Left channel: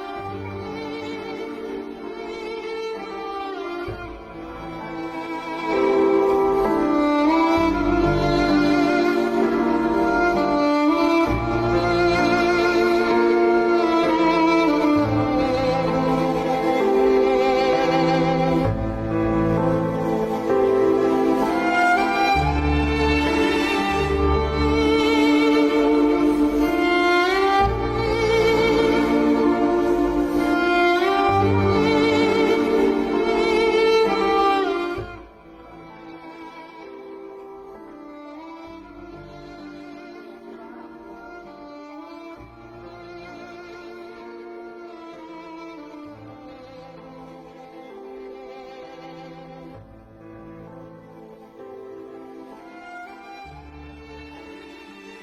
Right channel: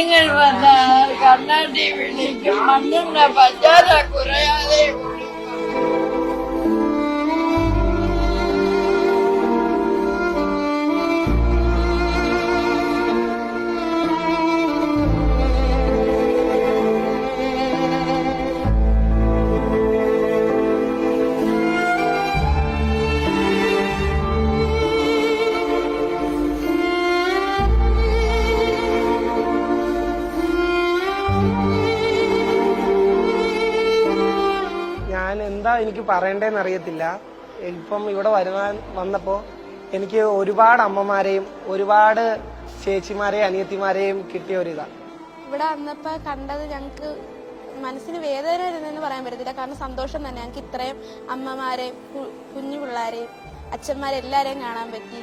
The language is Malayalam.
കുഞ്ഞുങ്ങൾ വന്നാൽ കണ്ണാടി വിളിക്കും, മണ്ണെണ്ണ പഞ്ചാര കുറയാതെ ഉള്ളൂ. എനിക്ക് പറയണ്ടേന്ന് അറിയത്തില്ല. ഇപ്പം ഇവിടെ വന്നപ്പോൾ എനിക്ക് ഒരുപാട് അമ്മമാരെയും ഒരുപാട് ചേച്ചിമാരെയും അനിയത്തിമാരെയും കിട്ടിയ ഒരിതാണ്. ഇവിടെ വന്നപ്പോൾ കണ്ടത് ഞങ്ങൾക്ക് മനസ്സിന് വേദന ഇരുന്നെന്ന് പറയാൻ പറ്റത്തില്ല. കാരണം സന്തോഷം തന്നെ. ഞങ്ങൾക്ക് ഇത്രയും അമ്മമാരെയും കുഞ്ഞു പിള്ളേരെയും അച്ഛന്മാരെല്ലാരെയും കാണാൻ പറ്റി.